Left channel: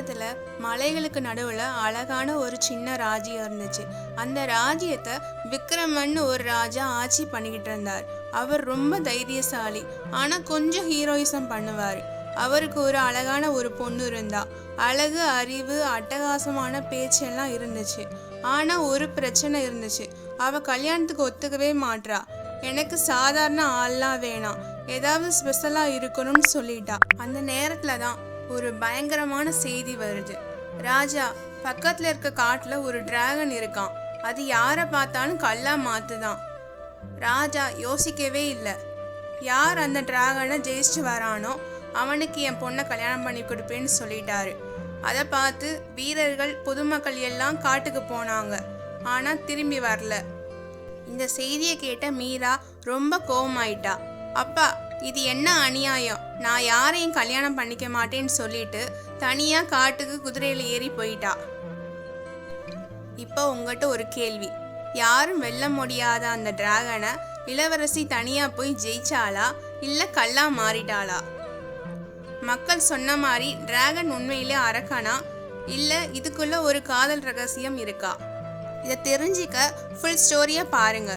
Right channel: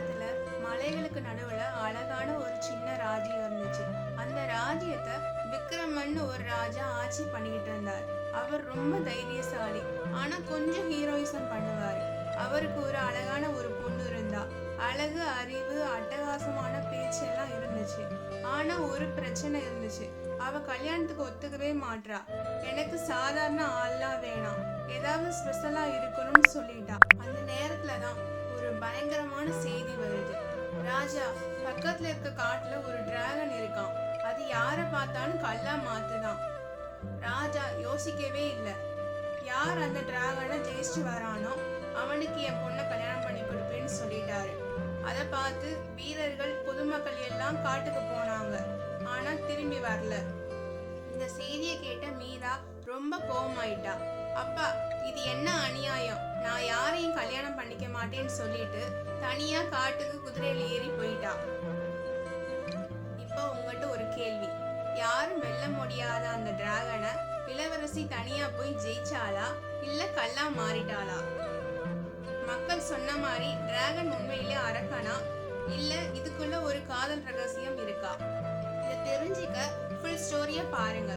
காலத்துல மலைகளுக்கு நடுவுல அழகான ஒரு சின்ன ராஜ்யம் இருந்துச்சு. அந்த ராஜ்யத்தை விக்ரமன்னு ஒரு ராஜா ஆட்சி பண்ணிக்கிட்டு இருந்தார். அவர் ரொம்ப தைரியசாலி, ஆனா கொஞ்சம் ஹீரோயிசம் பண்ணுவாரு. அவருக்கு ஒரு அழகான ஒரு பொண்ணு இருந்தா. அழகு, அறிவு, அட்டகாசமான பேச்செல்லாம் இருந்துச்சு. ஆனா ஒரு பிரச்சனை இருந்துச்சு. அவ கல்யாணத்துக்கு ஒத்துக்கவே மாட்றா. எனக்கு சாதாரண ஆள்லாம் வேணாம், ஏதாவது ஸ்பெஷலா இருக்கணும்னு சொல்லிட்டா. அந்த நேரத்துல தான் ஒரு பயங்கரமான செய்தி வருது. ராஜா, பக்கத்துல இருக்க காட்டுல ஒரு டிராகன் இருக்கான். அது யாரை பார்த்தாலும் கல்லா மாத்துதான். ராஜா யோசிக்கவே இல்லை. யார் அந்த டிராகனை ஜெயிச்சு வரானோ அவனுக்கு என் பொண்ணை கல்யாணம் பண்ணி கொடுப்பேன்னு சொல்லிட்டாரு. அதை பார்த்து வீரர்கள், பொதுமக்கள் எல்லாம் காட்டுக்கு போனாங்க. ஆனா திரும்பி வரல. இந்த செய்தியை கேட்ட மீரா ரொம்ப கோவமாயிட்டா. அப்பா, இது என்ன அநியாயம், நான் யாரையும் கல்யாணம் பண்ணிக்க மாட்டேன்னு சொல்லிட்டு தனியா காட்டுக்கு குதிரையில ஏறி போயிட்டா. இப்போ உங்ககிட்ட ஒரு கேள்வி. யாரும் வெல்ல முடியாத அந்த டிராகனை இளவரசி தனியா போய் ஜெயிச்சாளா, இல்ல கல்லா மாறிட்டாளா? மக்கள் சொன்ன மாதிரி டிராகன் உண்மையிலே அரக்கனா, இல்ல இதுக்குள்ள ஒரு காதல் ரகசியம் இருக்கா? இதை தெரிஞ்சிக்க ஃபுல் ஸ்டோரியை பாருங்க.